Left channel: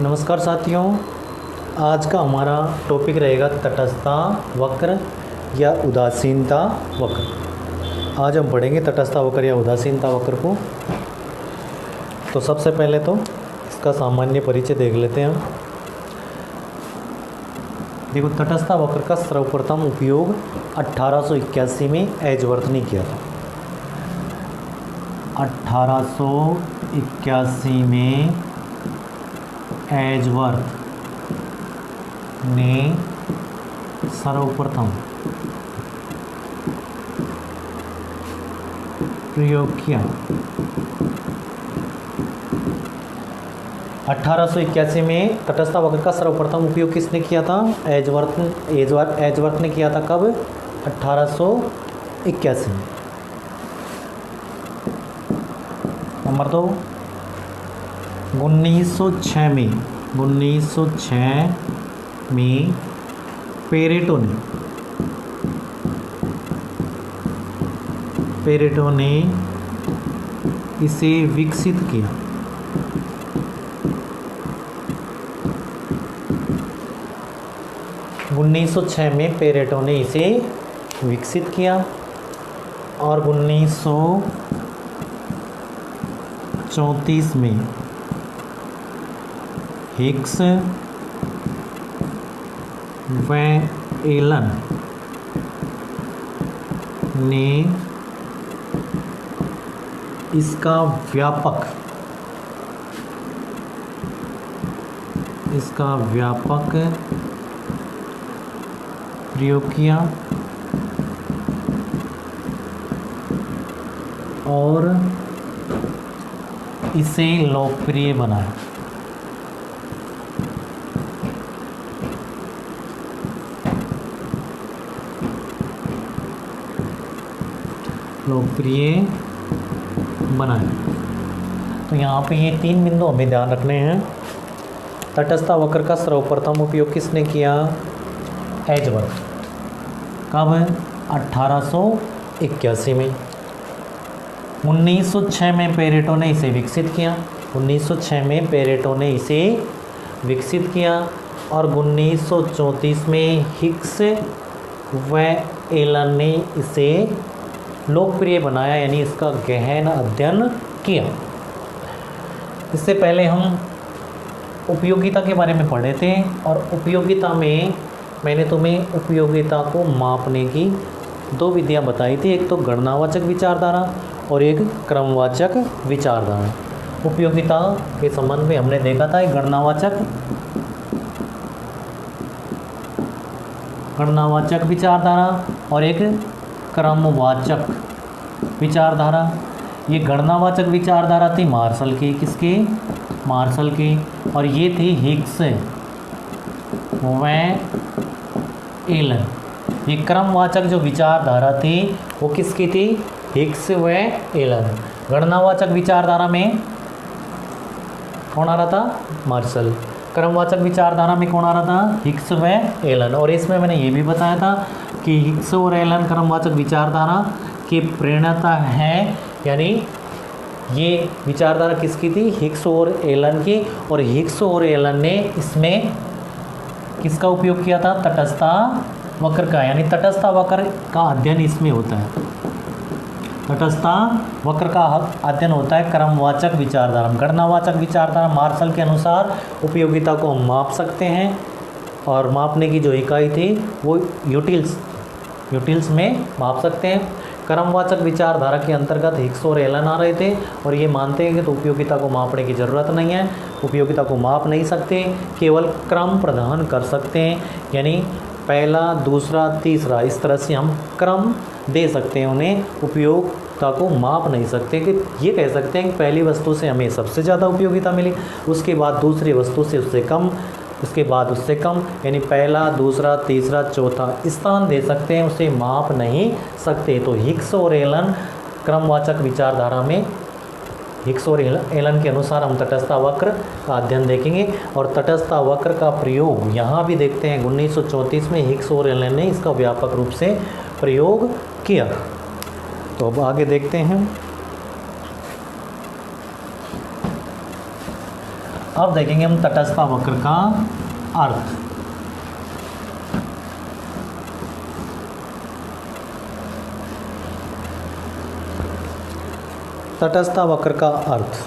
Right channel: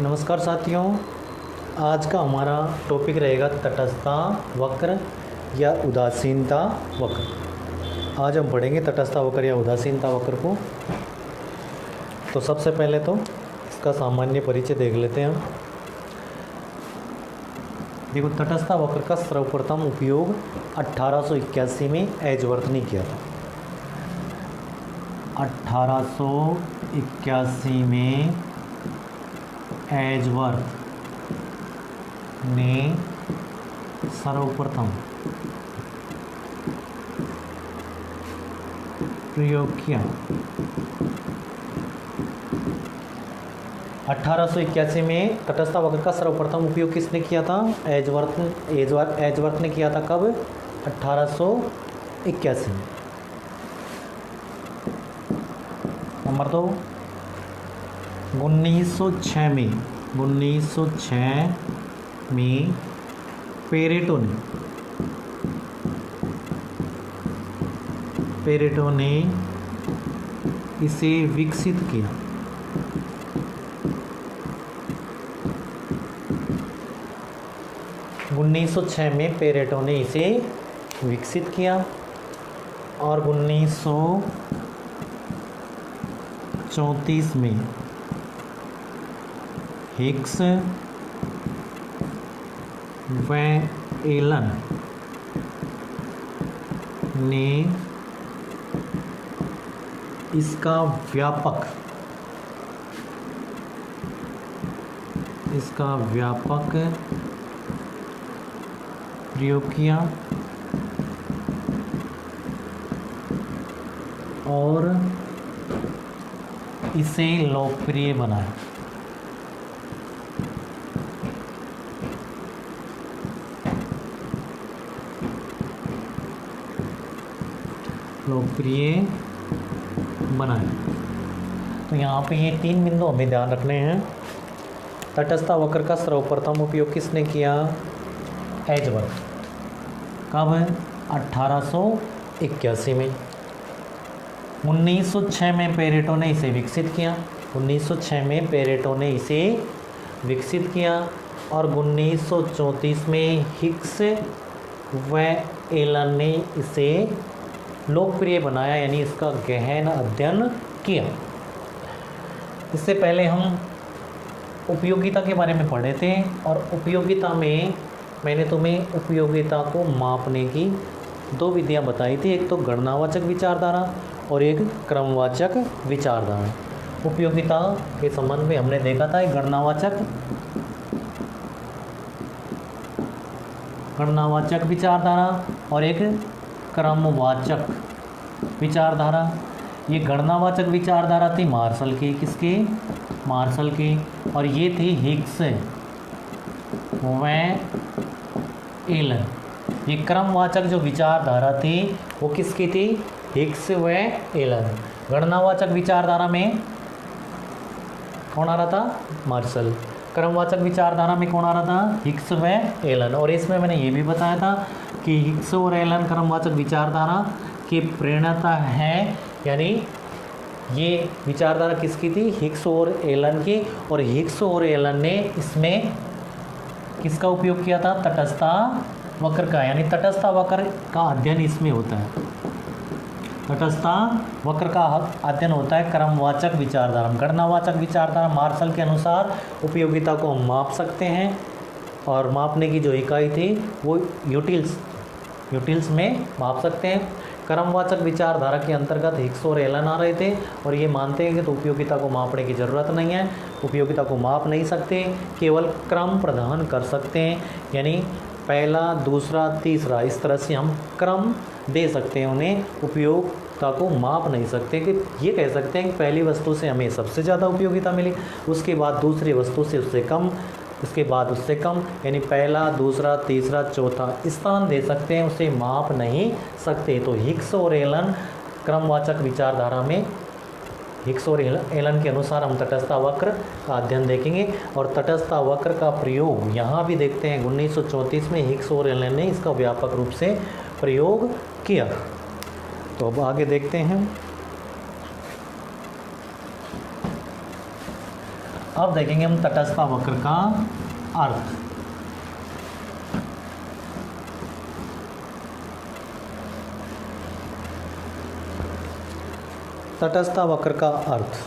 नमस्कार साथियों, आज का हमारा टॉपिक रहेगा तटस्थता वक्र या उदासीनता वक्र। आज हम पढ़ेंगे तटस्थता वक्र या उदासीनता वक्र को। तो सबसे पहले तो इसका सामान्य परिचय देख लेते हैं हम। देखो, तटस्थता वक्र का सर्वप्रथम उपयोग 1881 में एजवर्थ ने किया था। 1881 में एजवर्थ ने सर्वप्रथम प्रयोग किया। 1881 में तटस्थता वक्र का सर्वप्रथम उपयोग किसने किया था? एजवर्थ ने किया था। कब? 1881 में। नंबर 2, 1906 में पेरेटो ने इसे विकसित किया। में पेरेटो ने इसे विकसित किया और 1934 में हिग्स व एलन ने इसका व्यापक प्रयोग किया और इसे लोकप्रिय बनाया। तो यहाँ पे ये 3 बिंदु हमें ध्यान रखने हैं। तटस्थता वक्र का सर्वप्रथम उपयोग किसने किया? एजवर्थ। कब? 1881 में। 1906 में पेरेटो ने इसे विकसित किया। 1906 में पेरेटो ने इसे विकसित किया और 1934 में हिग्स व एलन ने इसे लोकप्रिय बनाया, यानी इसका गहन अध्ययन किया। इससे पहले हम उपयोगिता के बारे में पढ़े थे और उपयोगिता में मैंने तुम्हें उपयोगिता को मापने की 2 विधियां बताई थी। एक तो गणनावाचक विचारधारा और एक क्रमवाचक विचारधारा। उपयोगिता के संबंध में हमने देखा था एक गणनावाचक विचारधारा और एक क्रमवाचक विचारधारा। ये गणनावाचक विचारधारा थी मार्शल की, किसके? मार्शल की। और ये थी हिग्स व एलन। ये क्रमवाचक जो विचारधारा थी वो किसकी थी? हिग्स व एलन। गणनावाचक विचारधारा में कौन आ रहा था? मार्शल। क्रमवाचक विचारधारा में कौन आ रहा था? हिग्स व एलन। और इसमें मैंने ये भी बताया था कि हिग्स और एलन क्रमवाचक विचारधारा की प्रेरणा है, यानी ये विचारधारा किसकी थी? हिग्स और एलन की। और हिग्स और एलन ने इसमें किसका उपयोग किया था? तटस्थता वक्र का, यानी तटस्थता वक्र का अध्ययन इसमें होता है। तटस्थता वक्र का अध्ययन होता है क्रमवाचक विचारधारा। गणनावाचक विचारधारा मार्शल के अनुसार उपयोगिता को हम माप सकते हैं और मापने की जो इकाई थी वो यूटिल्स में माप सकते हैं। क्रमवाचक विचारधारा के अंतर्गत हिग्स और एलन आ रहे थे और ये मानते हैं कि तो उपयोगिता को मापने की ज़रूरत नहीं है, उपयोगिता को माप नहीं सकते, केवल क्रम प्रदान कर सकते हैं, यानी पहला, दूसरा, तीसरा, इस तरह से हम क्रम दे सकते हैं उन्हें। उपयोगिता को माप नहीं सकते कि ये कह सकते हैं कि पहली वस्तु से हमें सबसे ज़्यादा उपयोगिता मिली, उसके बाद दूसरी वस्तु से उससे कम, उसके बाद उससे कम, यानी पहला, दूसरा, तीसरा, चौथा स्थान दे सकते हैं, उसे माप नहीं सकते। तो हिग्स और एलन क्रमवाचक विचारधारा में हिग्स और एलन के अनुसार हम तटस्थता वक्र का अध्ययन देखेंगे और तटस्थता वक्र का प्रयोग यहाँ भी देखते हैं। 1934 में हिग्स और एलन ने इसका व्यापक रूप से प्रयोग किया। तो अब आगे देखते हैं। अब देखेंगे हम तटस्थ वक्र का अर्थ। तटस्थ वक्र का अर्थ।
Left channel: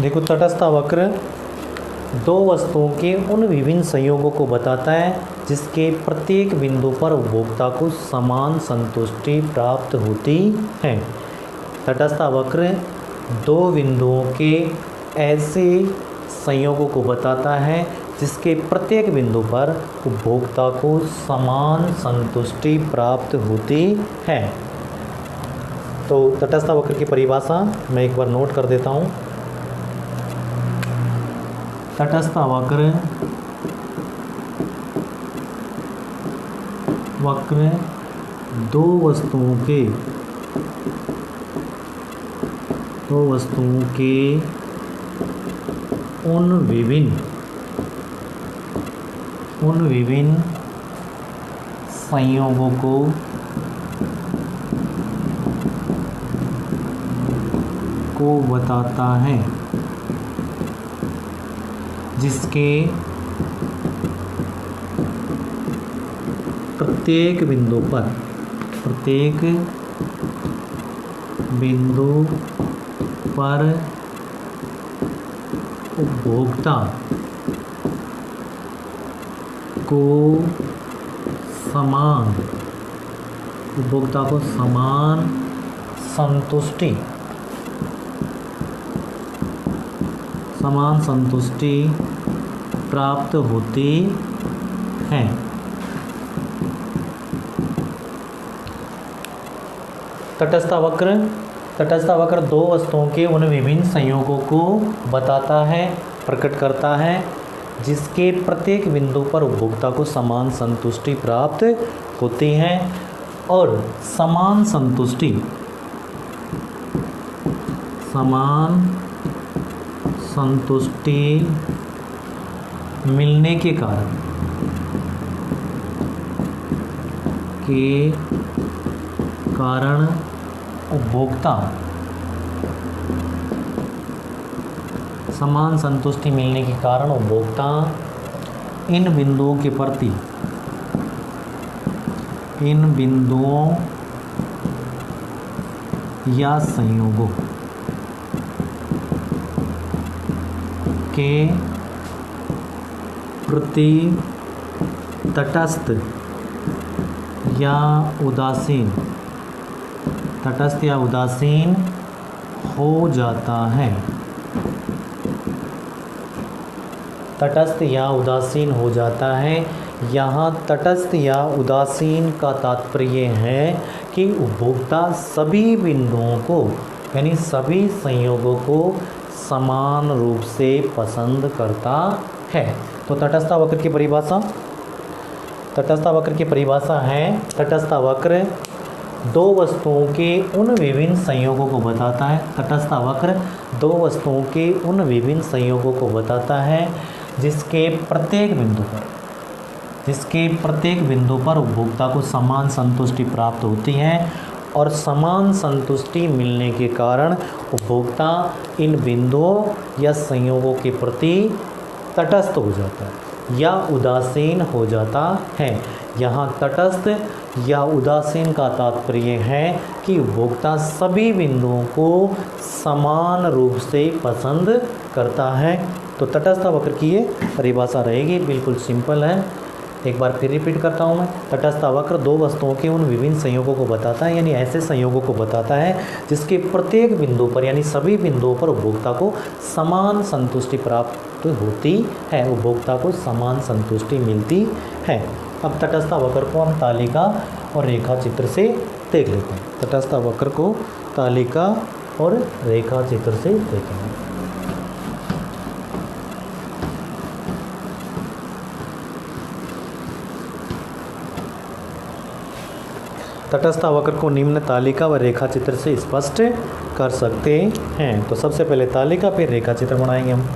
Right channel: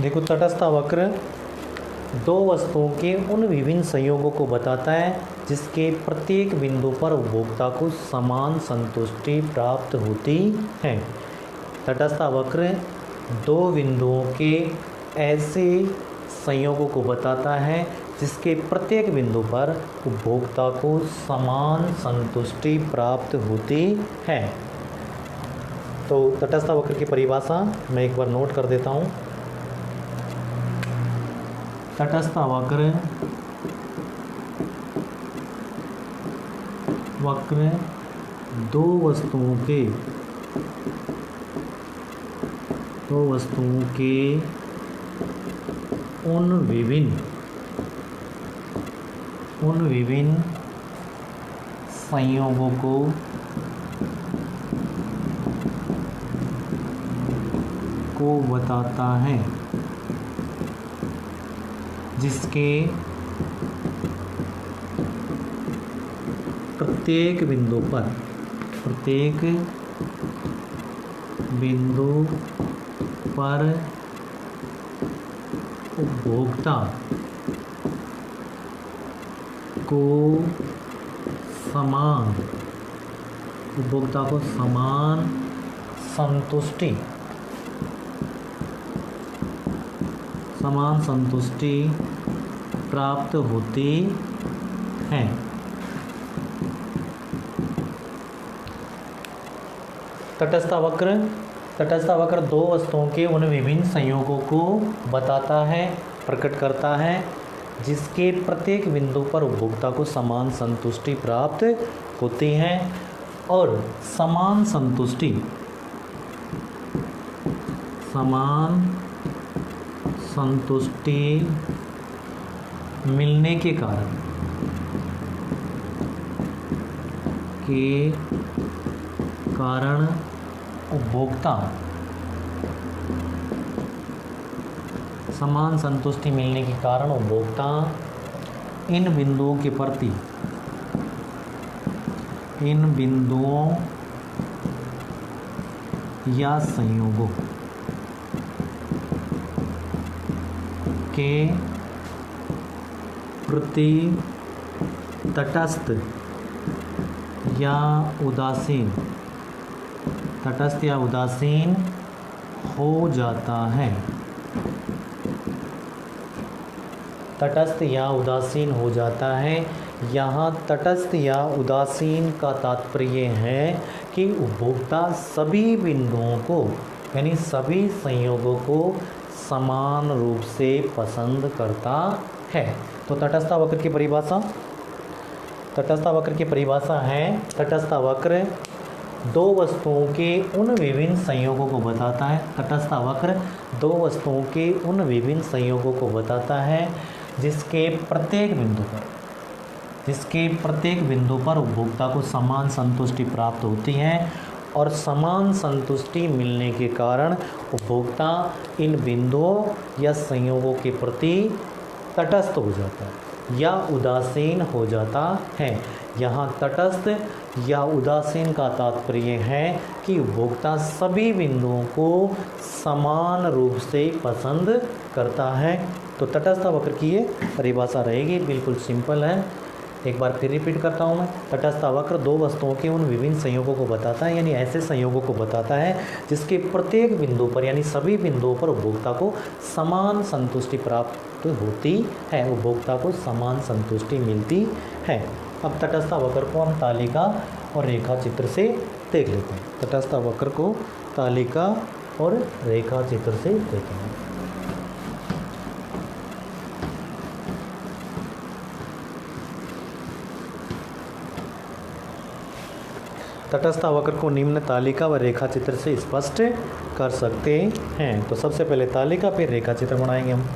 देखो, तटस्थ वक्र दो वस्तुओं के उन विभिन्न संयोगों को बताता है जिसके प्रत्येक बिंदु पर उपभोक्ता को समान संतुष्टि प्राप्त होती है। तटस्थ वक्र दो बिंदुओं के ऐसे संयोगों को बताता है जिसके प्रत्येक बिंदु पर उपभोक्ता को समान संतुष्टि प्राप्त होती है। तो तटस्थ वक्र की परिभाषा मैं एक बार नोट कर देता हूँ। तटस्थ वक्र दो वस्तुओं के उन विभिन्न संयोगों को बताता है जिसके प्रत्येक बिंदु पर उपभोक्ता को समान संतुष्टि प्राप्त होती है। तटस्थ वक्र दो वस्तुओं के उन विभिन्न संयोगों को बताता है, प्रकट करता है जिसके प्रत्येक बिंदु पर उपभोक्ता को समान संतुष्टि प्राप्त होती है। और समान संतुष्टि मिलने के कारण उपभोक्ता समान संतुष्टि मिलने के कारण उपभोक्ता इन बिंदुओं या संयोगों के प्रति तटस्थ या उदासीन हो जाता है। तटस्थ या उदासीन हो जाता है। यहाँ तटस्थ या उदासीन का तात्पर्य है कि उपभोक्ता सभी बिंदुओं को यानी सभी संयोगों को समान रूप से पसंद करता है। तो तटस्थ वक्र की परिभाषा है, तटस्थ वक्र दो वस्तुओं के उन विभिन्न संयोगों को बताता है। तटस्थ वक्र दो वस्तुओं के उन विभिन्न संयोगों को बताता है जिसके प्रत्येक बिंदु पर उपभोक्ता को समान संतुष्टि प्राप्त होती है और समान संतुष्टि मिलने के कारण उपभोक्ता इन बिंदुओं या संयोगों के प्रति तटस्थ हो जाता है या उदासीन हो जाता है। यहाँ तटस्थ या उदासीन का तात्पर्य है कि उपभोक्ता सभी बिंदुओं को समान रूप से पसंद करता है। तो तटस्थ वक्र की ये परिभाषा रहेगी, बिल्कुल सिंपल है। एक बार फिर रिपीट करता हूँ मैं। तटस्थ वक्र दो वस्तुओं के उन विभिन्न संयोगों को बताता है यानी ऐसे संयोगों को बताता है जिसके प्रत्येक बिंदु पर यानी सभी बिंदुओं पर उपभोक्ता को समान संतुष्टि प्राप्त होती है, उपभोक्ता को समान संतुष्टि मिलती है। अब तटस्थ वक्र को हम तालिका और रेखा चित्र से देख लेते हैं। तटस्थ वक्र को तालिका और रेखा चित्र से देखेंगे। तटस्थ वक्र को निम्न तालिका व रेखा चित्र से स्पष्ट कर सकते हैं। तो सबसे पहले तालिका फिर रेखा चित्र बनाएंगे हम।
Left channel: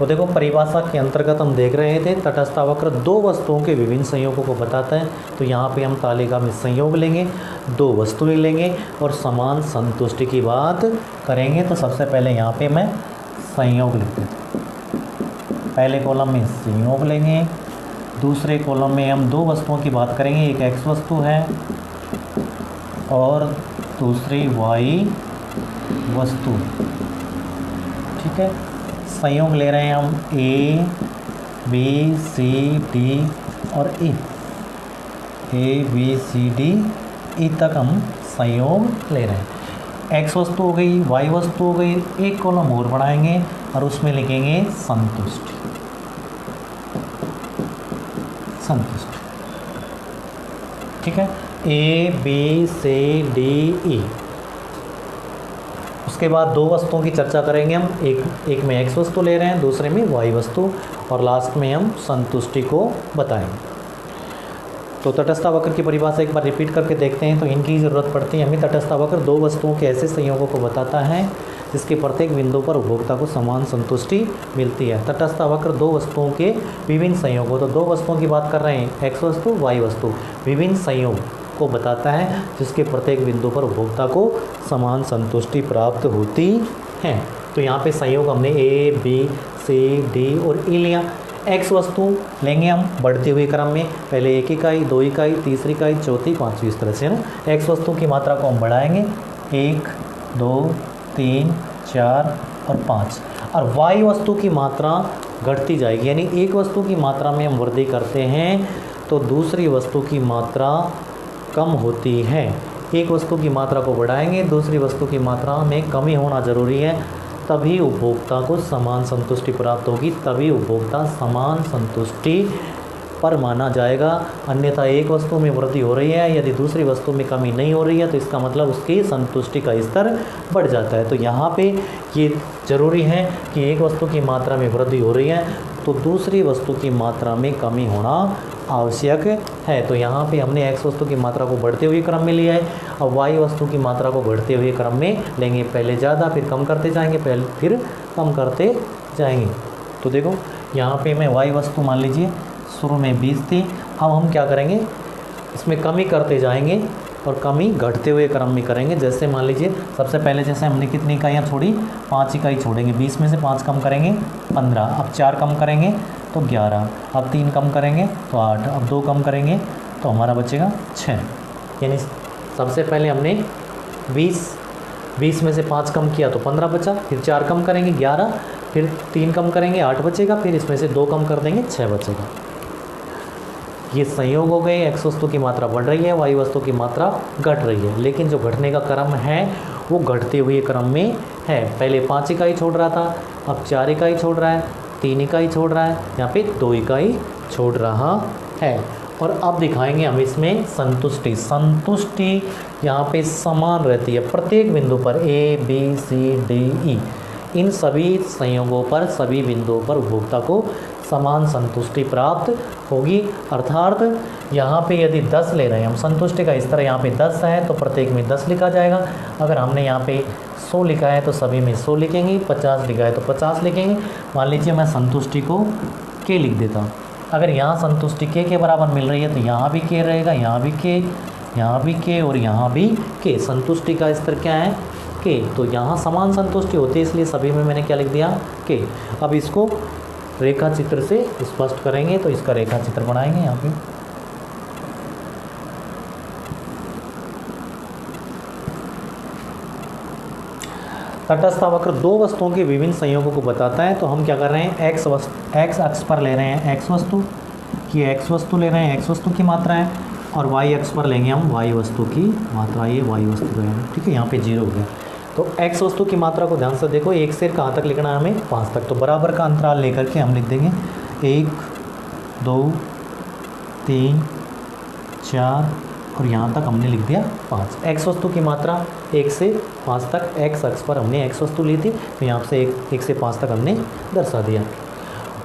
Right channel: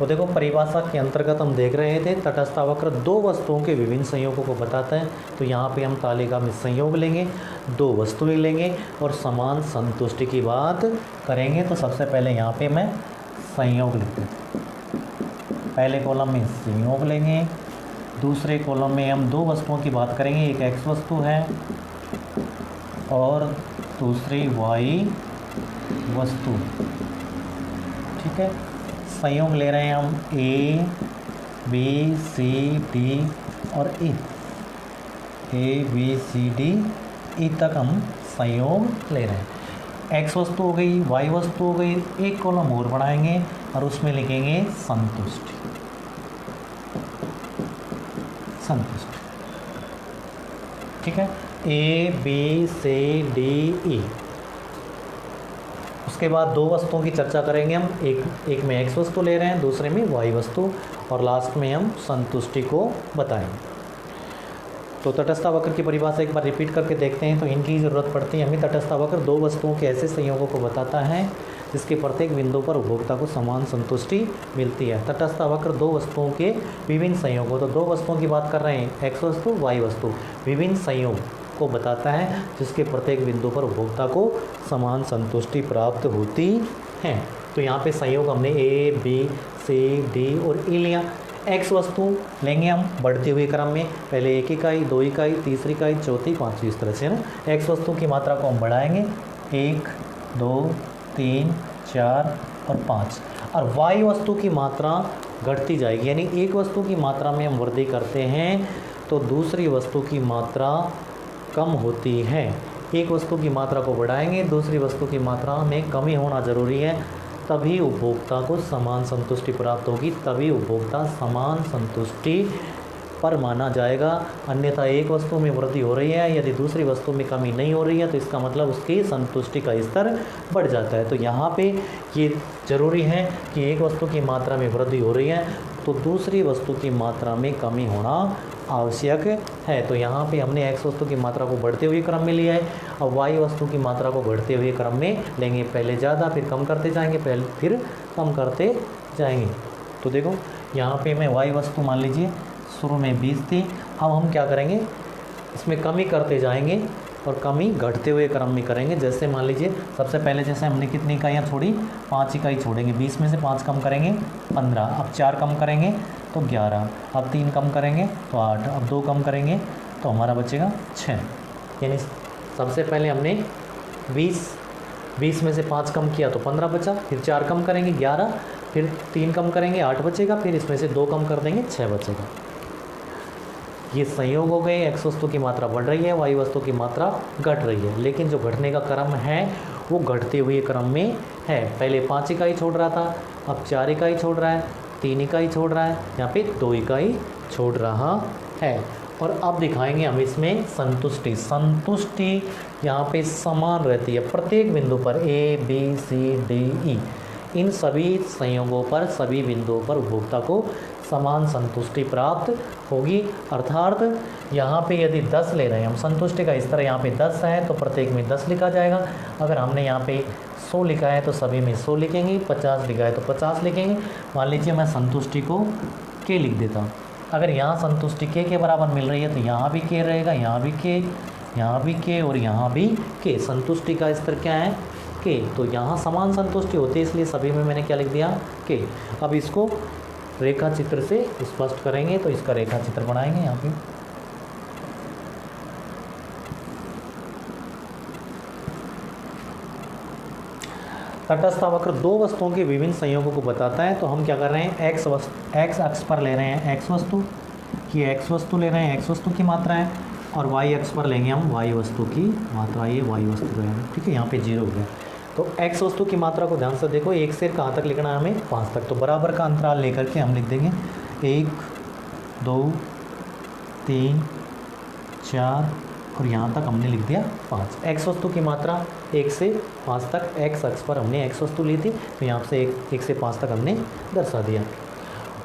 तो देखो परिभाषा के अंतर्गत हम देख रहे थे तटस्थ वक्र दो वस्तुओं के विभिन्न संयोगों को बताता है। तो यहाँ पे हम तालिका में संयोग लेंगे, दो वस्तुएं लेंगे और समान संतुष्टि की बात करेंगे। तो सबसे पहले यहाँ पे मैं संयोग लिखते हैं, पहले कॉलम में संयोग लेंगे, दूसरे कॉलम में हम दो वस्तुओं की बात करेंगे, एक एक्स वस्तु है और दूसरी वाई वस्तु। ठीक है, संयोग ले रहे हैं हम ए बी सी डी और ई, A B C D E तक हम संयोग ले रहे हैं। एक्स वस्तु हो गई, वाई वस्तु हो गई, एक कॉलम और बढ़ाएंगे और उसमें लिखेंगे संतुष्टि। संतुष्टि, ठीक है, A B C D E. उसके बाद दो वस्तुओं की चर्चा करेंगे हम, एक में एक्स वस्तु ले रहे हैं, दूसरे में वाई वस्तु, और लास्ट में हम संतुष्टि को बताएंगे। तो तटस्थ वक्र की परिभाषा एक बार रिपीट करके देखते हैं। तो इनकी ज़रूरत पड़ती है हमें। तटस्थ वक्र दो वस्तुओं के ऐसे संयोगों को बताता है जिसके प्रत्येक बिंदु पर उपभोक्ता को समान संतुष्टि मिलती है। तटस्थ वक्र दो वस्तुओं के विभिन्न संयोगों, तो दो वस्तुओं की बात कर रहे हैं, एक्स वस्तु वाई वस्तु, विभिन्न संयोग को बताता है जिसके प्रत्येक बिंदु पर उपभोक्ता को समान संतुष्टि प्राप्त होती है। तो यहाँ पे संयोग हमने ए बी सी डी और ई लिया। एक्स वस्तु लेंगे हम बढ़ते हुए क्रम में, पहले एक इकाई, दो इकाई, तीसरी इकाई, चौथी, पाँचवीं, इस तरह से हम एक्स वस्तु की मात्रा को हम बढ़ाएंगे, 1 2 3 4 और 5। और वाई वस्तु की मात्रा घटती जाएगी, यानी एक वस्तु की मात्रा में हम वृद्धि करते हैं तो दूसरी वस्तु की मात्रा कम होती है। एक वस्तु की मात्रा को बढ़ाएंगे, दूसरी वस्तु की मात्रा में कमी होना जरूरी है, तभी उपभोक्ता को समान संतुष्टि प्राप्त होगी, तभी उपभोक्ता समान संतुष्टि पर माना जाएगा। अन्यथा एक वस्तु में वृद्धि हो रही है, यदि दूसरी वस्तु में कमी नहीं हो रही है तो इसका मतलब उसकी संतुष्टि का स्तर बढ़ जाता है। तो यहाँ पे ये ज़रूरी है कि एक वस्तु की मात्रा में वृद्धि हो रही है तो दूसरी वस्तु की मात्रा में कमी होना आवश्यक है। तो यहाँ पे हमने एक्स वस्तु की मात्रा को बढ़ते हुए क्रम में लिया है और वाई वस्तु की मात्रा को बढ़ते हुए क्रम में लेंगे, पहले ज़्यादा फिर कम करते जाएंगे, पहले फिर कम करते जाएंगे। तो देखो यहाँ पे मैं वाई वस्तु मान लीजिए शुरू में 20 थी, अब हम क्या करेंगे इसमें कमी करते जाएंगे और कमी घटते हुए क्रम में करेंगे। जैसे मान लीजिए सबसे पहले जैसे हमने कितनी इकाइयाँ छोड़ी, 5 इकाई छोड़ेंगे, 20 में से 5 कम करेंगे 15, अब 4 कम करेंगे तो 11, अब 3 कम करेंगे तो 8, अब 2 कम करेंगे तो हमारा बचेगा 6। यानी सबसे पहले हमने 20 में से 5 कम किया तो 15 बचा, फिर 4 कम करेंगे 11, फिर 3 कम करेंगे 8 बचेगा, फिर इसमें से 2 कम कर देंगे 6 बचेगा। ये संयोग हो गए, एक्स वस्तु की मात्रा बढ़ रही है, वाई वस्तु की मात्रा घट रही है, लेकिन जो घटने का क्रम है वो घटते हुए क्रम में है। पहले 5 इकाई छोड़ रहा था, अब 4 इकाई छोड़ रहा है, 3 इकाई छोड़ रहा है, यहाँ पे 2 इकाई छोड़ रहा है। और अब दिखाएंगे हम इसमें संतुष्टि। संतुष्टि यहाँ पे समान रहती है प्रत्येक बिंदु पर, A B C D E, इन सभी संयोगों पर, सभी बिंदुओं पर उपभोक्ता को समान संतुष्टि प्राप्त होगी। अर्थात यहाँ पे यदि 10 ले रहे हैं हम, संतुष्टि का स्तर यहाँ पे 10 है तो प्रत्येक में 10 लिखा जाएगा। अगर हमने यहाँ पे 100 लिखा है तो सभी में 100 लिखेंगे, 50 लिखा है तो 50 लिखेंगे। मान लीजिए मैं संतुष्टि को के लिख देता हूँ। अगर यहाँ संतुष्टि के बराबर मिल रही है तो यहाँ भी के रहेगा, यहाँ भी के, यहाँ भी के और यहाँ भी के। संतुष्टि का स्तर क्या है? के। तो यहाँ समान संतुष्टि होती है, इसलिए सभी में मैंने क्या लिख दिया? के। अब इसको रेखा चित्र से स्पष्ट करेंगे, तो इसका रेखा चित्र बनाएंगे यहाँ पे। तटस्थ वक्र दो वस्तुओं के विभिन्न संयोगों को बताता है। तो हम क्या कर रहे हैं, एक्स अक्ष पर ले रहे हैं एक्स वस्तु, ये एक्स वस्तु ले रहे हैं, एक्स वस्तु की मात्रा है, और वाई अक्ष पर लेंगे हम वाई वस्तु की मात्रा, ये वाई वस्तु रहेगा। ठीक है, यहाँ पे 0 हो गया। तो एक्स वस्तु की मात्रा को ध्यान से देखो, 1 से कहाँ तक लिखना है हमें? 5 तक। तो बराबर का अंतराल लेकर के हम लिख देंगे 1 2 3 4 और यहाँ तक हमने लिख दिया 5। एक्स वस्तु की मात्रा 1 से 5 तक, एक्स अक्ष पर हमने एक्स वस्तु ली थी, तो यहाँ से 1 से 5 तक हमने दर्शा दिया।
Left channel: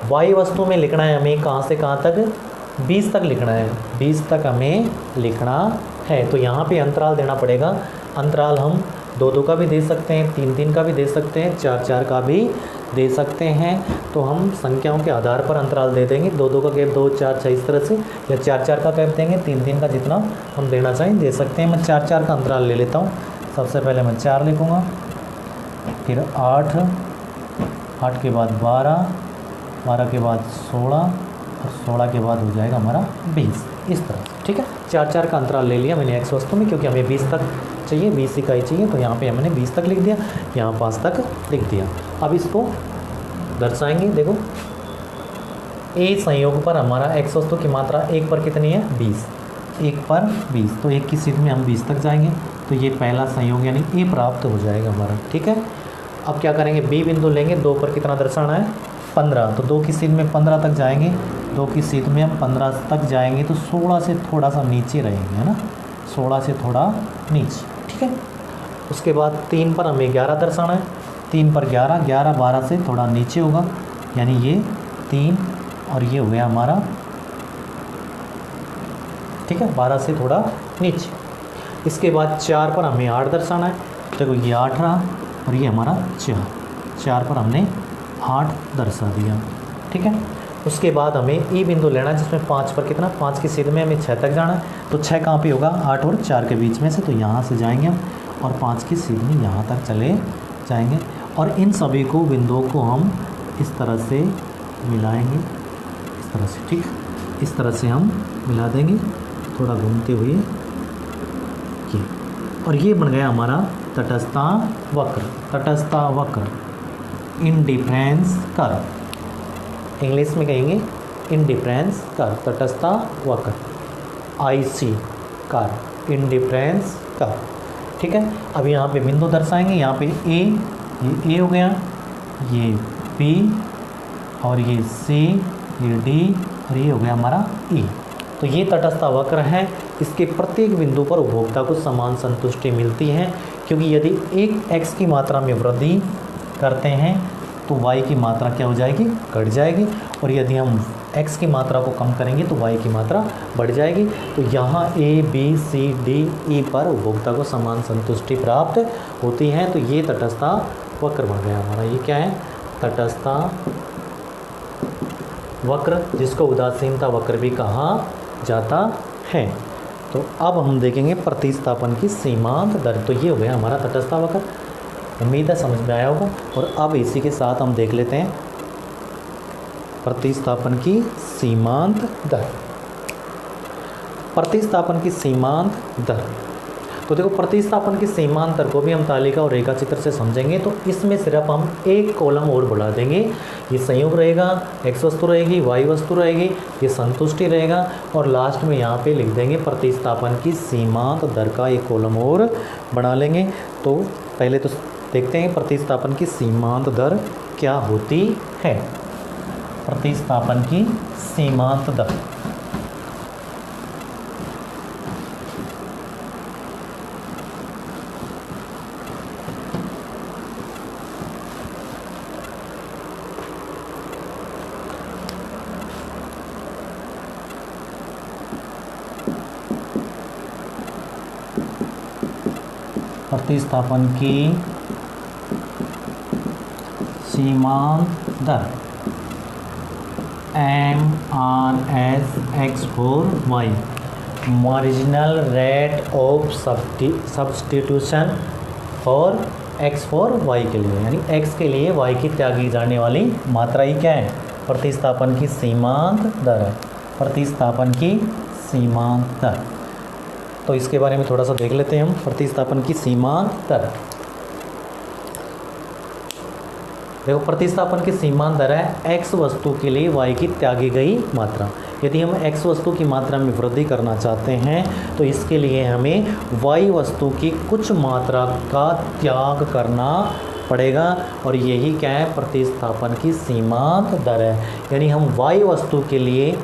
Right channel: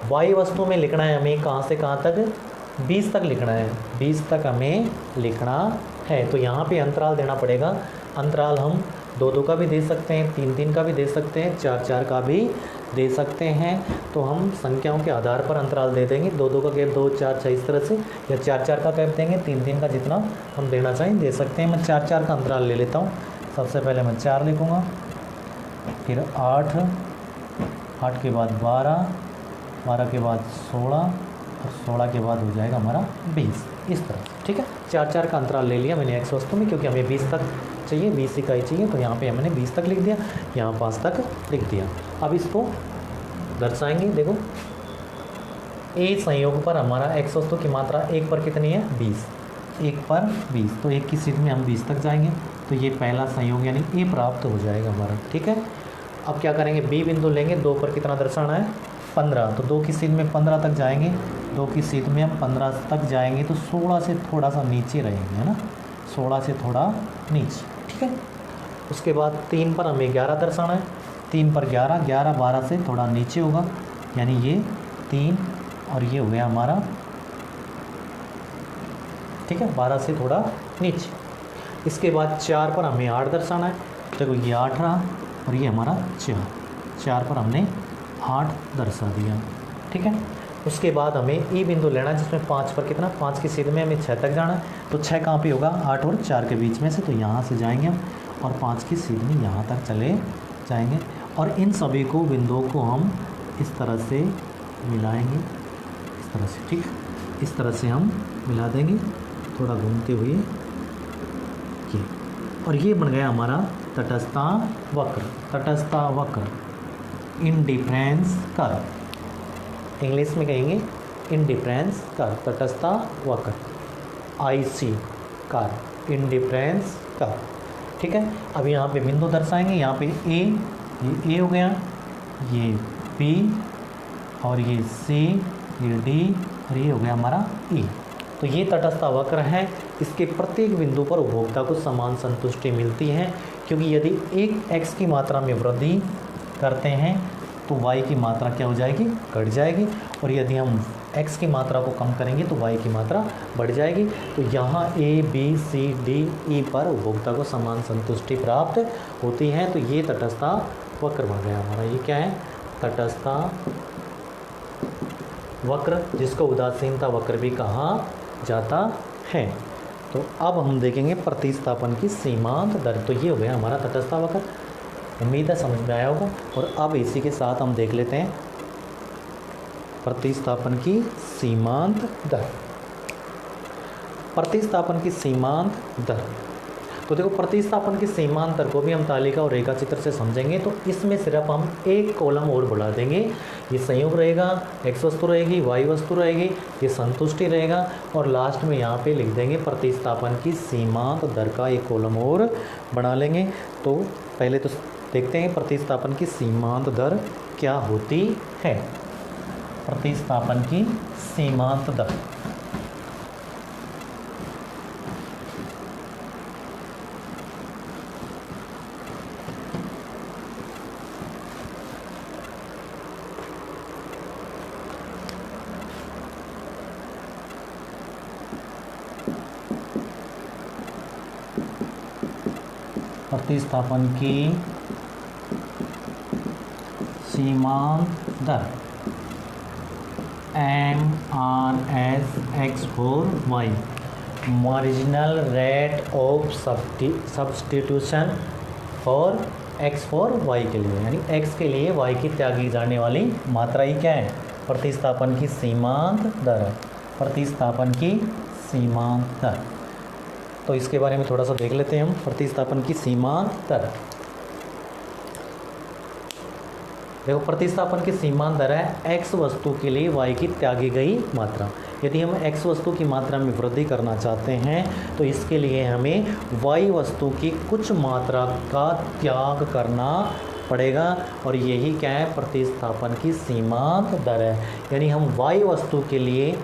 वाई वस्तु में लिखना है हमें कहाँ से कहाँ तक? 20 तक लिखना है, 20 तक हमें लिखना है। तो यहाँ पे अंतराल देना पड़ेगा। अंतराल हम 2 का भी दे सकते हैं, 3 का भी दे सकते हैं, 4 का भी दे सकते हैं। तो हम संख्याओं के आधार पर अंतराल दे देंगे। 2 का गैप 2, 4, 6 इस तरह से, या 4 का गैप देंगे, 3 का जितना हम देना चाहें दे सकते हैं। मैं 4 का अंतराल ले लेता हूँ। सबसे पहले मैं 4 लिखूँगा, फिर 8, 8 के बाद 12, 12 के बाद 16 और 16 के बाद हो जाएगा हमारा 20, इस तरह से। ठीक है, 4 का अंतराल ले लिया मैंने एक्स वस्तु में, क्योंकि हमें 20 तक चाहिए, 20 इकाई चाहिए, तो यहाँ पे हमने 20 तक लिख दिया, यहाँ 5 तक लिख दिया। अब इसको दर्शाएंगे। देखो, ए संयोग पर हमारा एक्स वस्तु की मात्रा 1 पर कितनी है? 20, 1 पर 20, तो 1 की स्थिति में हम 20 तक जाएंगे, तो ये पहला संयोग यानी ए प्राप्त हो जाएगा हमारा। ठीक है, अब क्या करेंगे, बी बिंदु लेंगे। 2 पर कितना दर्शाना है? 15, तो 2 की स्थिति में 15 तक जाएंगे, 2 की स्थिति में हम 15 तक जाएंगे, तो 16 से थोड़ा सा नीचे रहेंगे, है ना, 16 से थोड़ा नीचे। ठीक है, उसके बाद 3 पर हमें 11 दर्शाना है। 3 पर 11, 11 12 से थोड़ा नीचे होगा, यानी ये 3 और ये हो गया हमारा, ठीक है, 12 से थोड़ा नीचे। इसके बाद 4 पर हमें 8 दर्शाना है। देखो, ये 8 रहा और ये हमारा 4 पर हमने 8 दर्शा दिया। ठीक है, उसके बाद हमें ई बिंदु लेना है, जिसमें 5 पर कितना, 5 की स्थिति में हमें 6 तक जाना है, तो 6 कहाँ पे होगा? 8 और 4 के बीच में से, तो यहाँ से जाएंगे हम और 5 की स्थिति में यहाँ तक चले जाएंगे, और इन सभी को बिंदुओं को हम इस तरह से मिलाएंगे, इस तरह से। ठीक, इस तरह से हम मिला देंगे थोड़ा घूमते हुए ये, और ये बन गया हमारा तटस्था वक्र। तटस्था वक्र, इंडिफरेंस कर्व, इंग्लिश में कहेंगे इंडिफरेंस कर्व, तटस्था वक्र, आईसी कर्व, इंडिफरेंस कर्व। ठीक है, अब यहाँ पे बिंदु दर्शाएंगे। यहाँ पे ए, ये ए हो गया, ये बी, और ये सी, ये डी, और ये हो गया हमारा ई। तो ये तटस्था वक्र है। इसके प्रत्येक बिंदु पर उपभोक्ता को समान संतुष्टि मिलती है, क्योंकि यदि एक एक्स की मात्रा में वृद्धि करते हैं तो वाई की मात्रा क्या हो जाएगी? घट जाएगी, और यदि हम एक्स की मात्रा को कम करेंगे तो वाई की मात्रा बढ़ जाएगी। तो यहाँ A B C D E पर उपभोक्ता को समान संतुष्टि प्राप्त होती है। तो ये तटस्था वक्र बन गया हमारा। ये क्या है? तटस्था वक्र, जिसको उदासीनता वक्र भी कहा जाता है। तो अब हम देखेंगे प्रतिस्थापन की सीमांत दर। तो ये हो गया हमारा तटस्था वक्र। उम्मीद है समझ में आया होगा। और अब इसी के साथ हम देख लेते हैं प्रतिस्थापन की सीमांत दर। प्रतिस्थापन की सीमांत दर, तो देखो प्रतिस्थापन की सीमांत दर को भी हम तालिका और रेखा चित्र से समझेंगे। तो इसमें सिर्फ हम एक कॉलम और बढ़ा देंगे। ये संयोग रहेगा, एक्स वस्तु रहेगी, वाई वस्तु रहेगी, ये संतुष्टि रहेगा, और लास्ट में यहाँ पे लिख देंगे प्रतिस्थापन की सीमांत दर का एक कॉलम और बना लेंगे। तो पहले तो देखते हैं प्रतिस्थापन की सीमांत दर क्या होती है। प्रतिस्थापन की सीमांत दर, प्रतिस्थापन की सीमांत दर MRS for Y, marginal rate of substitution for X for Y के लिए, यानी एक्स के लिए वाई की त्यागी जाने वाली मात्रा ही क्या है? प्रतिस्थापन की सीमांत दर है। प्रतिस्थापन की सीमांत दर, तो इसके बारे में थोड़ा सा देख लेते हैं हम। प्रतिस्थापन की सीमांत दर, देखो प्रतिस्थापन की सीमांत दर है एक्स वस्तु के लिए वाई की त्यागी गई मात्रा। यदि हम एक्स वस्तु की मात्रा में वृद्धि करना चाहते हैं तो इसके लिए हमें वाई वस्तु की कुछ मात्रा का त्याग करना पड़ेगा, और यही क्या है? प्रतिस्थापन की सीमांत दर है। यानी हम वाई वस्तु के लिए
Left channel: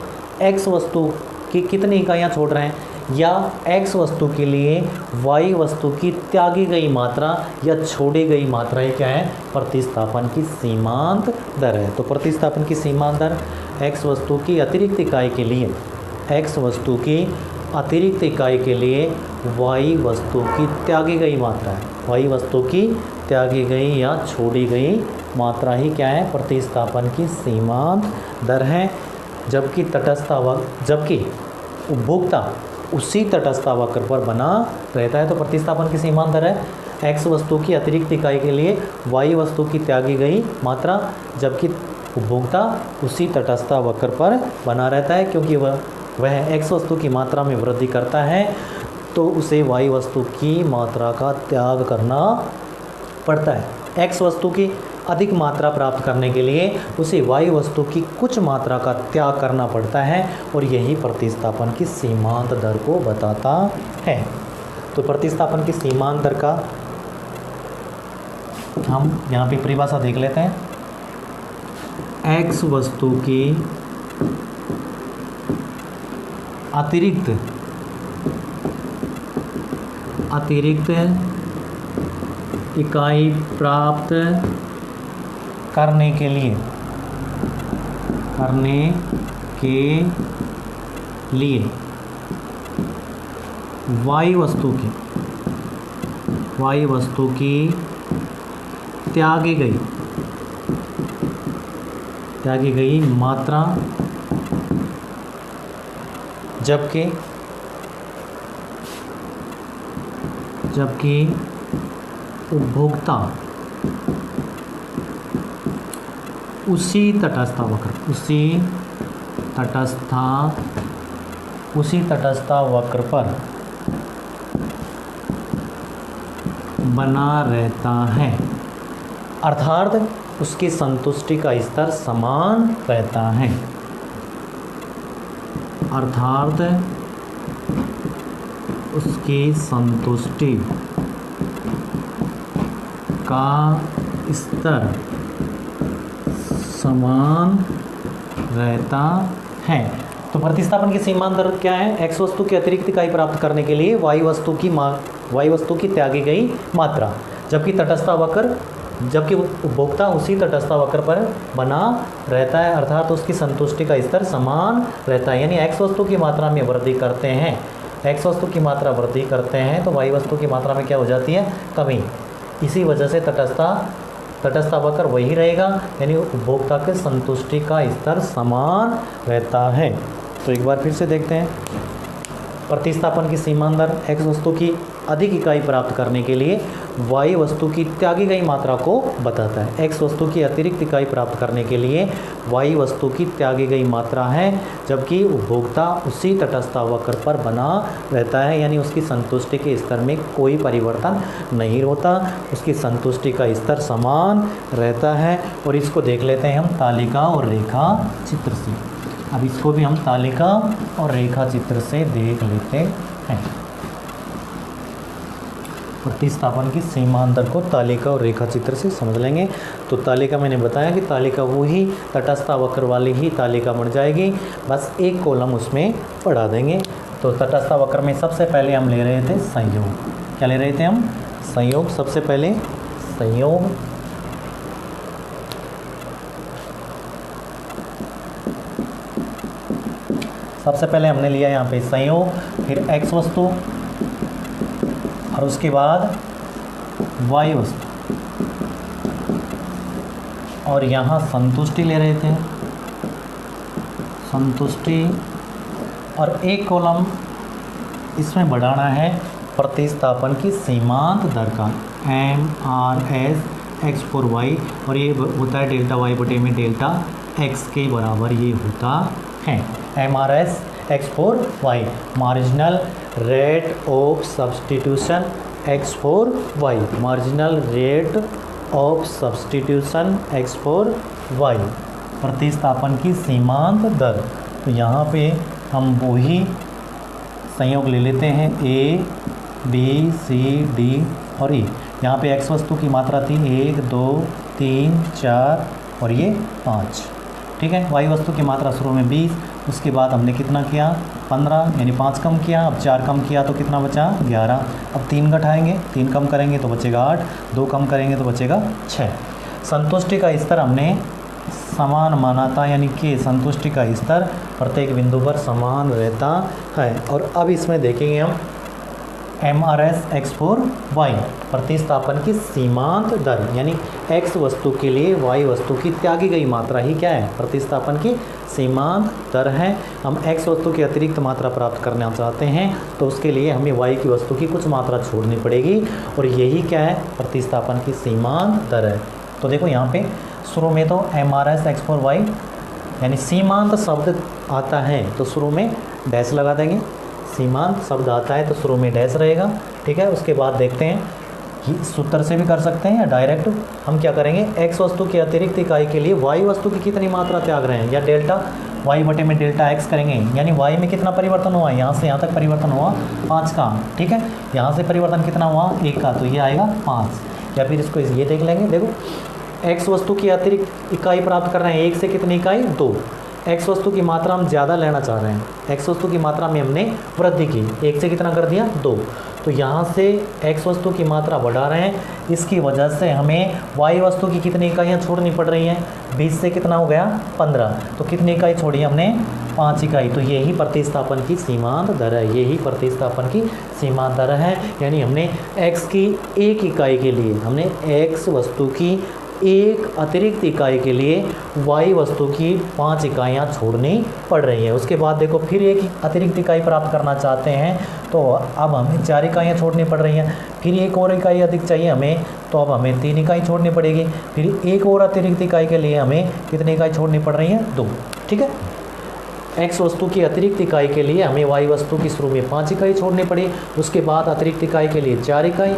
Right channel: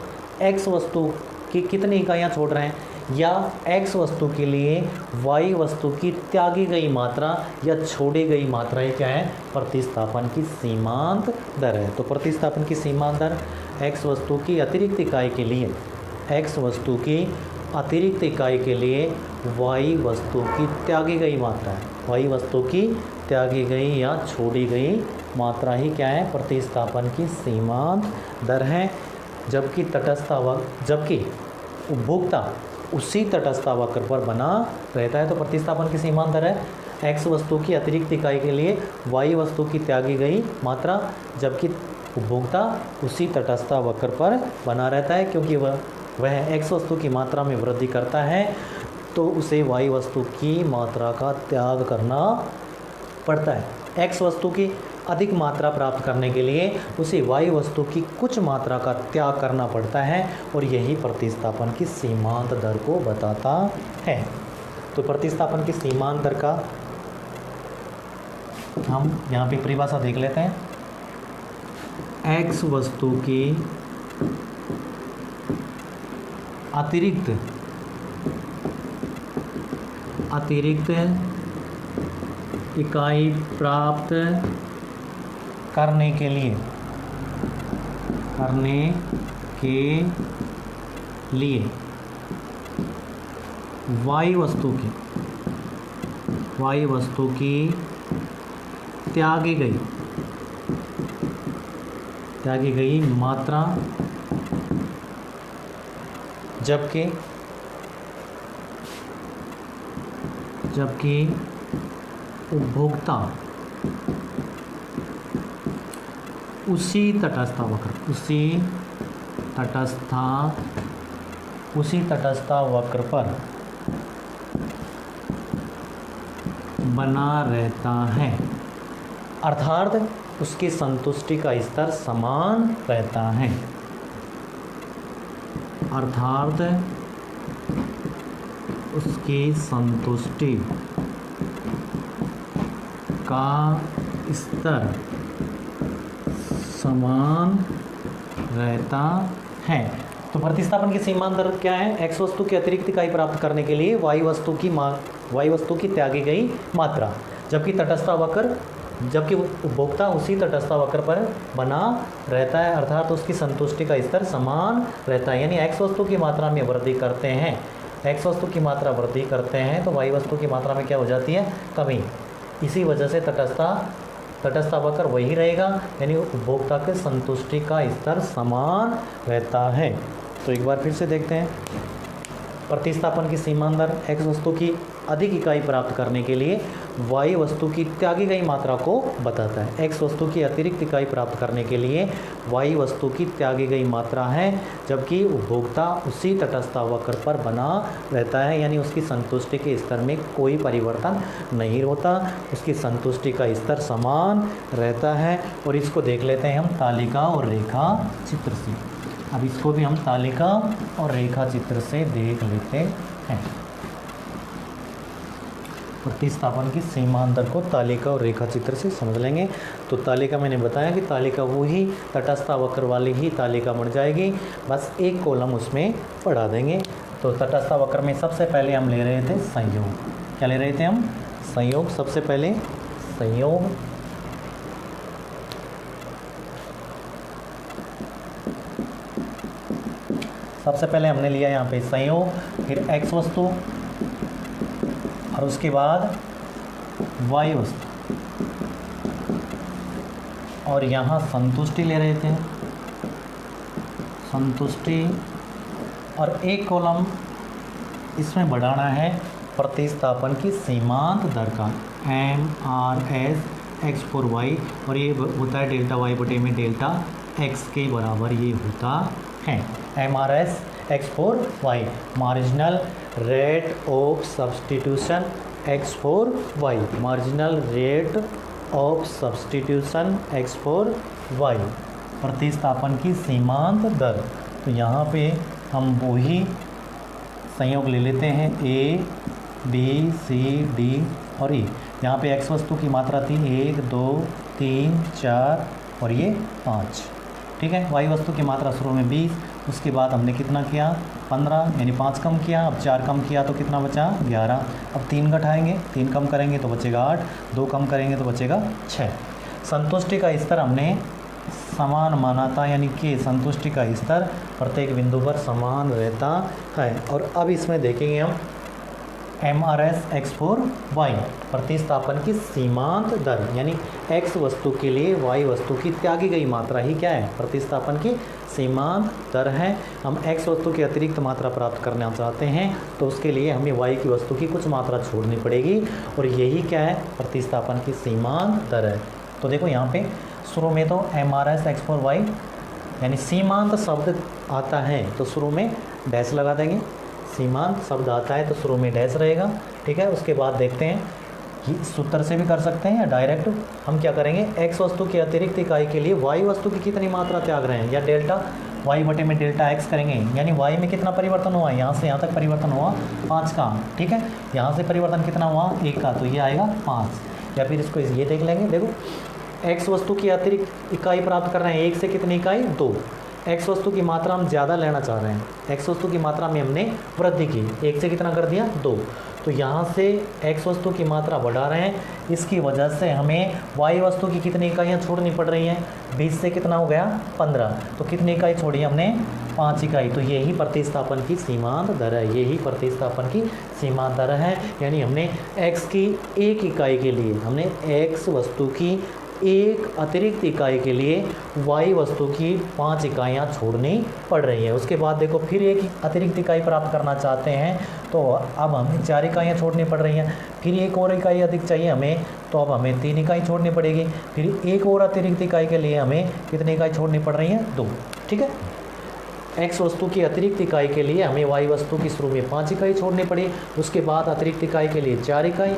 एक्स वस्तु की कितनी इकाइयाँ छोड़ रहे हैं, या एक्स वस्तु के लिए वाई वस्तु की त्यागी गई मात्रा या छोड़ी गई मात्रा क्या है? प्रतिस्थापन की सीमांत दर है। तो प्रतिस्थापन की सीमांत दर एक्स वस्तु की अतिरिक्त इकाई के लिए, एक्स वस्तु की अतिरिक्त इकाई के लिए वाई वस्तु की त्यागी गई मात्रा है। वही वस्तु की त्यागी गई या छोड़ी गई मात्रा ही क्या है, प्रतिस्थापन की सीमांत दर है। जबकि उपभोक्ता उसी तटस्थ वक्र पर बना रहता है, तो प्रतिस्थापन की सीमांत दर है x वस्तु की अतिरिक्त इकाई के लिए y वस्तु की त्यागी गई मात्रा, जबकि उपभोक्ता उसी तटस्थ वक्र पर बना रहता है। क्योंकि वह x वस्तु की मात्रा में वृद्धि करता है तो उसे y वस्तु की मात्रा का त्याग करना पड़ता है। x वस्तु की अधिक मात्रा प्राप्त करने के लिए उसे y वस्तु की कुछ मात्रा का त्याग करना पड़ता है, और यही प्रतिस्थापन की सीमांत दर को बताता है। तो प्रतिस्थापन की सीमांत दर का हम यहाँ पे परिभाषा देख लेते हैं। x वस्तु की अतिरिक्त इकाई प्राप्त करने के लिए y वस्तु की त्यागी गई मात्रा, जबकि उपभोक्ता उसी तटस्थ वक्र पर बना रहता है, अर्थात उसकी संतुष्टि का स्तर समान रहता है। अर्थात उसकी संतुष्टि का स्तर समान रहता है। तो प्रतिस्थापन की सीमांत दर क्या है, x वस्तु की अतिरिक्त इकाई प्राप्त करने के लिए y वस्तु की त्यागी गई मात्रा, जबकि उपभोक्ता उसी तटस्थ वक्र पर बना रहता है, अर्थात उसकी संतुष्टि का स्तर समान रहता है। यानी x वस्तु की मात्रा में वृद्धि करते हैं, x वस्तु की मात्रा वृद्धि करते हैं तो y वस्तु की मात्रा में क्या हो जाती है, कमी। इसी वजह से तटस्थ वक्र वही रहेगा, यानी उपभोक्ता के संतुष्टि का स्तर समान रहता है। तो एक बार फिर से देखते हैं। प्रतिस्थापन की सीमांत दर x वस्तु की अधिक इकाई प्राप्त करने के लिए y वस्तु की त्यागी गई मात्रा को बताता है। x वस्तु की अतिरिक्त इकाई प्राप्त करने के लिए y वस्तु की त्यागी गई मात्रा है, जबकि उपभोक्ता उसी तटस्थ वक्र पर बना रहता है, यानी उसकी संतुष्टि के स्तर में कोई परिवर्तन नहीं होता, उसकी संतुष्टि का स्तर समान रहता है। और इसको देख लेते हैं हम तालिका और रेखा चित्र से। अब इसको भी हम तालिका और रेखा चित्र से देख लेते हैं। प्रतिस्थापन की सीमांत दर को तालिका और रेखा चित्र से समझ लेंगे। तो तालिका मैंने बताया कि तालिका वही तटस्थ वक्र वाली ही तालिका बन जाएगी, बस एक कॉलम उसमें बढ़ा देंगे। तो तटस्थ वक्र में सबसे पहले हम ले रहे थे संयोग। क्या ले रहे थे हम, संयोग। सबसे पहले संयोग, सबसे पहले हमने लिया यहाँ पे संयोग, फिर x वस्तु और उसके बाद y वस्तु, और यहाँ संतुष्टि ले रहे थे, संतुष्टि, और एक कॉलम इसमें बढ़ाना है प्रतिस्थापन की सीमांत दर का MRS x/y, और ये होता है डेल्टा y बटे में डेल्टा x के बराबर ये होता है। MRS x/y marginal rate of substitution x/y, marginal rate of substitution x/y, प्रतिस्थापन की सीमांत दर। तो यहाँ पे हम वही संयोग ले लेते हैं A, B, C, D और E। यहाँ पे x वस्तु की मात्रा थी 1, 2, 3, 4 और ये 5, ठीक है। y वस्तु की मात्रा शुरू में 20, उसके बाद हमने कितना किया 15, यानी 5 कम किया, अब 4 कम किया तो कितना बचा 11। अब 3 घटाएंगे, 3 कम करेंगे तो बचेगा 8, 2 कम करेंगे तो बचेगा 6। संतुष्टि का स्तर हमने समान माना था, यानी कि संतुष्टि का स्तर प्रत्येक बिंदु पर समान रहता है। और अब इसमें देखेंगे हम MRS x फॉर y, प्रतिस्थापन की सीमांत दर, यानी x वस्तु के लिए y वस्तु की त्यागी गई मात्रा ही क्या है, प्रतिस्थापन की सीमांत दर है। हम x वस्तु की अतिरिक्त मात्रा प्राप्त करना चाहते हैं तो उसके लिए हमें y की वस्तु की कुछ मात्रा छोड़नी पड़ेगी, और यही क्या है, प्रतिस्थापन की सीमांत दर है। तो देखो यहाँ पे शुरू में तो MRS x फॉर y यानी सीमांत शब्द आता है तो शुरू में डैश लगा देंगे, सीमांत शब्द आता है तो शुरू में डैश रहेगा, ठीक है। उसके बाद देखते हैं सूत्र से भी कर सकते हैं या डायरेक्ट हम क्या करेंगे, x वस्तु की अतिरिक्त इकाई के लिए y वस्तु की कितनी मात्रा त्याग रहे हैं, या डेल्टा y बटे में डेल्टा x करेंगे, यानी y में कितना परिवर्तन हुआ, यहाँ से यहाँ तक परिवर्तन हुआ 5 का, ठीक है। यहाँ से परिवर्तन कितना हुआ 1 का, तो ये आएगा 5। या फिर इसको ये देख लेंगे, देखो x वस्तु की अतिरिक्त इकाई प्राप्त कर रहे हैं, 1 से कितनी इकाई 2, x वस्तु की मात्रा हम ज़्यादा लेना चाह रहे हैं, x वस्तु की मात्रा में हमने वृद्धि की, 1 से कितना कर दिया 2, तो यहाँ से x वस्तु की मात्रा बढ़ा रहे हैं, इसकी वजह से हमें y वस्तु की कितनी इकाइयाँ छोड़नी पड़ रही हैं, 20 से कितना हो गया 15, तो कितनी इकाई छोड़ी हमने 5 इकाई, तो यही प्रतिस्थापन की सीमांत दर है, यही प्रतिस्थापन की सीमांत दर है। यानी हमने x की एक इकाई के लिए, हमने x वस्तु की एक अतिरिक्त इकाई के लिए y वस्तु की 5 इकाइयाँ छोड़नी पड़ रही हैं। उसके बाद देखो फिर एक अतिरिक्त इकाई प्राप्त करना चाहते हैं तो अब हमें 4 इकाइयाँ छोड़नी पड़ रही हैं, फिर एक और इकाई अधिक चाहिए हमें तो अब हमें 3 इकाई छोड़नी पड़ेगी, फिर एक और अतिरिक्त इकाई के लिए हमें कितनी इकाई छोड़नी पड़ रही है 2, ठीक है। x वस्तु की अतिरिक्त इकाई के लिए हमें y वस्तु की शुरू में 5 इकाई छोड़नी पड़ी, उसके बाद अतिरिक्त इकाई के लिए 4 इकाई,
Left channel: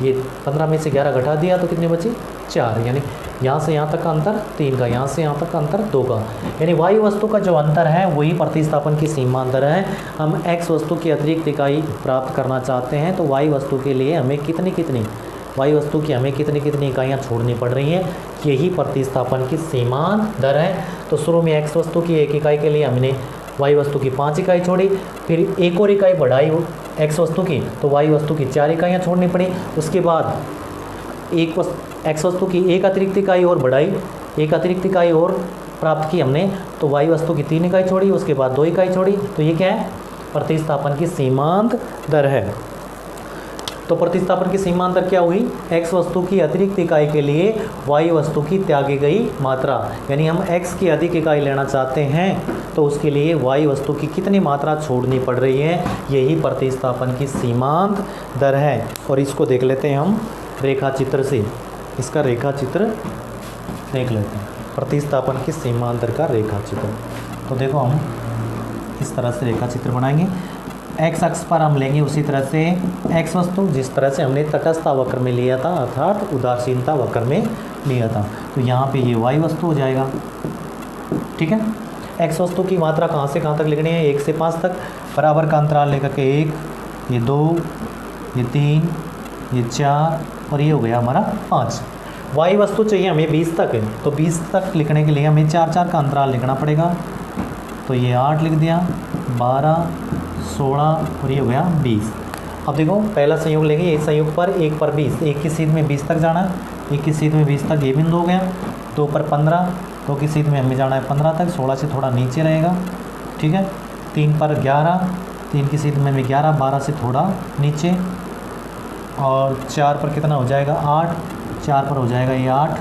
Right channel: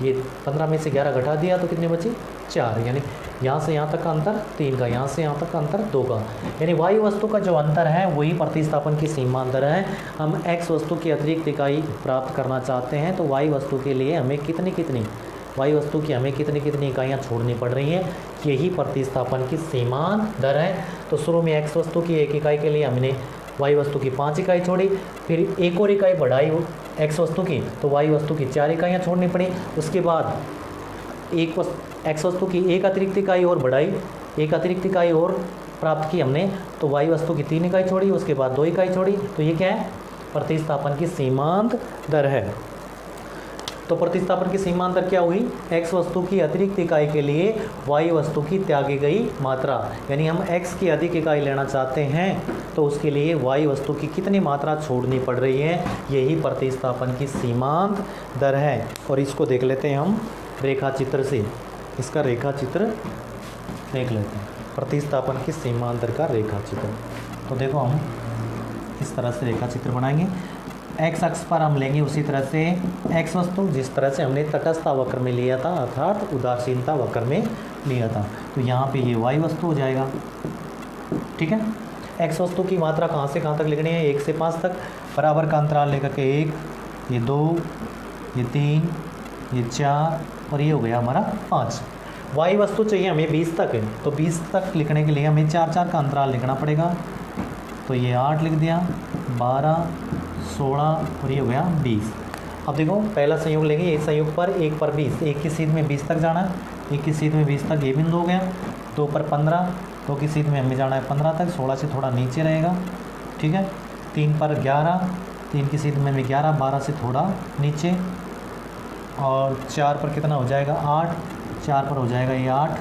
ये 15 में से 11 घटा दिया तो कितनी बची 4, यानी यहाँ से यहाँ तक का अंतर 3 का, यहाँ से यहाँ तक का अंतर 2 का, यानी y वस्तु का जो अंतर है वही प्रतिस्थापन की सीमांत दर है। हम x वस्तु की अतिरिक्त इकाई प्राप्त करना चाहते हैं तो y वस्तु के लिए हमें y वस्तु की हमें कितनी इकाइयाँ छोड़नी पड़ रही हैं, यही प्रतिस्थापन की सीमांत दर है। तो शुरू में x वस्तु की एक इकाई के लिए हमने y वस्तु की 5 इकाई छोड़ी, फिर एक और इकाई बढ़ाई x वस्तु की तो y वस्तु की 4 इकाइयाँ छोड़नी पड़ी, उसके बाद x वस्तु की एक अतिरिक्त इकाई और बढ़ाई, एक अतिरिक्त इकाई और प्राप्त की हमने तो y वस्तु की 3 इकाई छोड़ी, उसके बाद 2 इकाई छोड़ी, तो ये क्या है, प्रतिस्थापन की सीमांत दर है। तो प्रतिस्थापन की सीमांत दर क्या हुई, x वस्तु की अतिरिक्त इकाई के लिए y वस्तु की त्यागी गई मात्रा, यानी हम x की अधिक इकाई लेना चाहते हैं तो उसके लिए y वस्तु की कितनी मात्रा छोड़नी पड़ रही है, यही प्रतिस्थापन की सीमांत दर है। और इसको देख लेते हैं हम रेखा चित्र से, इसका रेखा चित्र देख लेते हैं, प्रतिस्थापन की सीमांत दर का रेखा चित्र। तो देखो हम इस तरह से रेखा चित्र बनाएंगे, x अक्ष पर हम लेंगे उसी तरह से x वस्तु जिस तरह से हमने तटस्थता वक्र में लिया था, अर्थात उदासीनता वक्र में लिया था, तो यहाँ पे ये y वस्तु हो जाएगा, ठीक है। x वस्तु की मात्रा कहाँ से कहाँ तक लिखनी है, 1 से 5 तक, बराबर का अंतराल लेकर के 1, ये 2, ये 3, ये 4 और ये हो गया हमारा 5। y वस्तु चाहिए हमें 20 तक है, तो 20 तक लिखने के लिए हमें 4 का अंतराल लिखना पड़ेगा, तो ये 8 लिख दिया, 12, 16 और ये हो गया 20। अब देखो पहला संयोग लेंगे, एक संयोग पर 1 पर 20, एक की सीध में 20 तक जाना, एक की सीध में 20 तक ये बिंदु हो गया, 2 पर 15, 2 की सीध में हमें जाना है 15 तक, 16 से थोड़ा नीचे रहेगा, ठीक है। 3 पर 11, 3 की सीध में हमें 11, 12 से थोड़ा नीचे, और 4 पर कितना हो जाएगा 8, 4 पर हो जाएगा ये 8,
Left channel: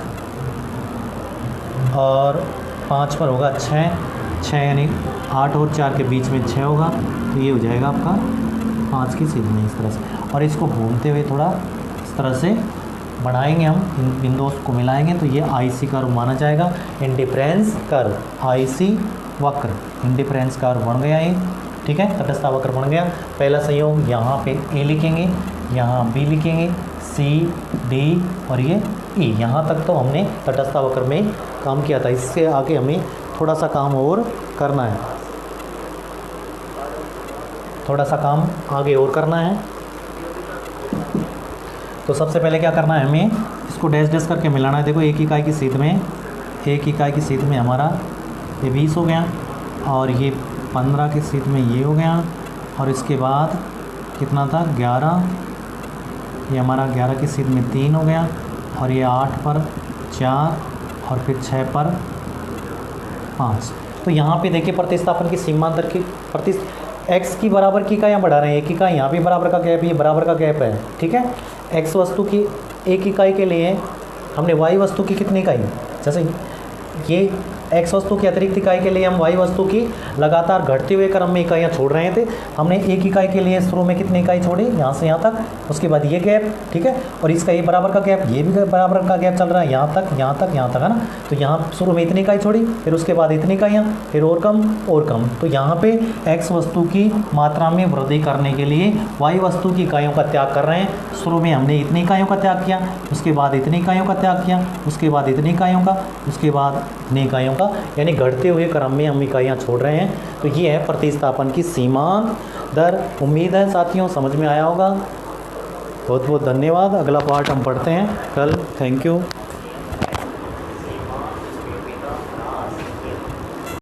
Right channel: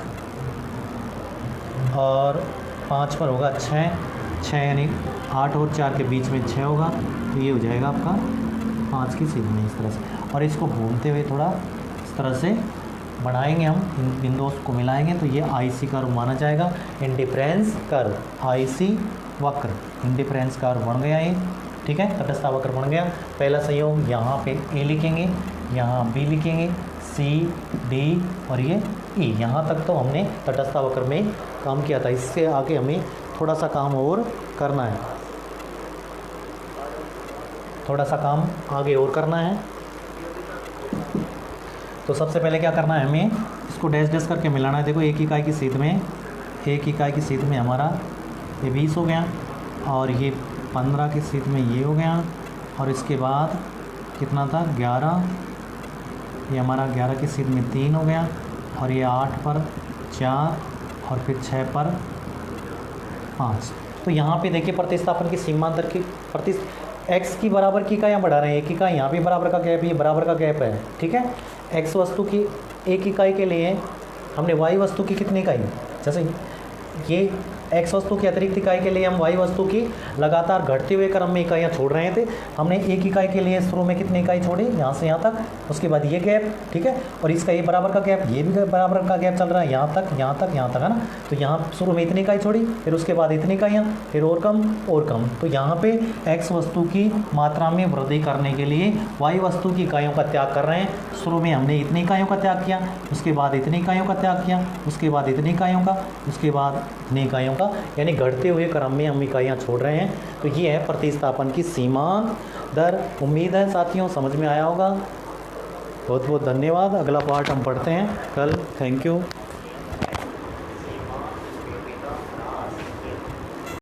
और 5 पर होगा 6 यानी 8 और 4 के बीच में 6 होगा, तो ये हो जाएगा आपका 5 की सीध में इस तरह से। और इसको घूमते हुए थोड़ा इस तरह से बढ़ाएंगे, हम इन बिंदुओं को मिलाएंगे तो ये IC कर्व माना जाएगा, इंडिफरेंस कर्व, IC वक्र, इंडिफरेंस कर्व बन गया ये, ठीक है, तटस्थता वक्र बन गया। पहला संयोग यहाँ पे A लिखेंगे, यहाँ B लिखेंगे, C, D और ये E, यहाँ तक तो हमने तटस्थता वक्र में काम किया था, इससे आगे हमें थोड़ा सा काम और करना है, थोड़ा सा काम आगे और करना है। तो सबसे पहले क्या करना है, हमें इसको डैश डैश करके मिलाना है। देखो एक इकाई की सीध में, एक इकाई की सीध में हमारा ये 20 हो गया, और ये 15 की सीध में ये हो गया, और इसके बाद कितना था 11, ये हमारा 11 की सीध में 3 हो गया, और ये 8 पर 4 और फिर 6 पर 5। तो यहाँ पे देखिए प्रतिस्थापन की सीमांत दर की एक्स की बराबर की इकाइयाँ बढ़ा रहे हैं, एक इकाई यहाँ भी बराबर का गैप, ये बराबर का गैप है, ठीक है। एक्स वस्तु की एक इकाई के लिए हमने वाई वस्तु की कितनी इकाई, जैसे ये एक्स वस्तु की अतिरिक्त इकाई के लिए हम वाई वस्तु की लगातार घटते हुए क्रम में इकाइयाँ छोड़ रहे थे। हमने एक इकाई के लिए शुरू में कितनी इकाई छोड़ी, यहाँ से यहाँ तक, उसके बाद ये गैप, ठीक है, और इसका ये बराबर का गैप, ये भी बराबर का गैप चल रहा है, यहाँ तक यहाँ तक यहाँ तक, है ना। तो यहाँ शुरू में इतनी इकाई छोड़ी, फिर उसके बाद इतनी इकाइयाँ, फिर और कम। तो यहाँ पे एक्स वस्तु की मात्रा में वृद्धि करने के लिए वाई वस्तु की इकाइयों का त्याग कर रहे हैं। शुरू में हमने इतनी इकाइयों का त्याग किया, उसके बाद इतनी इकाइयों का त्याग किया, उसके बाद इतनी इकाइयों का, उसके बाद इतनी इकाइयों का, यानी घटते हुए क्रम में हम इकाइयाँ छोड़ रहे हैं। तो ये है प्रतिस्थापन की सीमांत दर। उम्मीद है साथियों समझ में आया होगा। बहुत बहुत धन्यवाद। अगला पार्ट हम पढ़ते हैं कल। Thank you.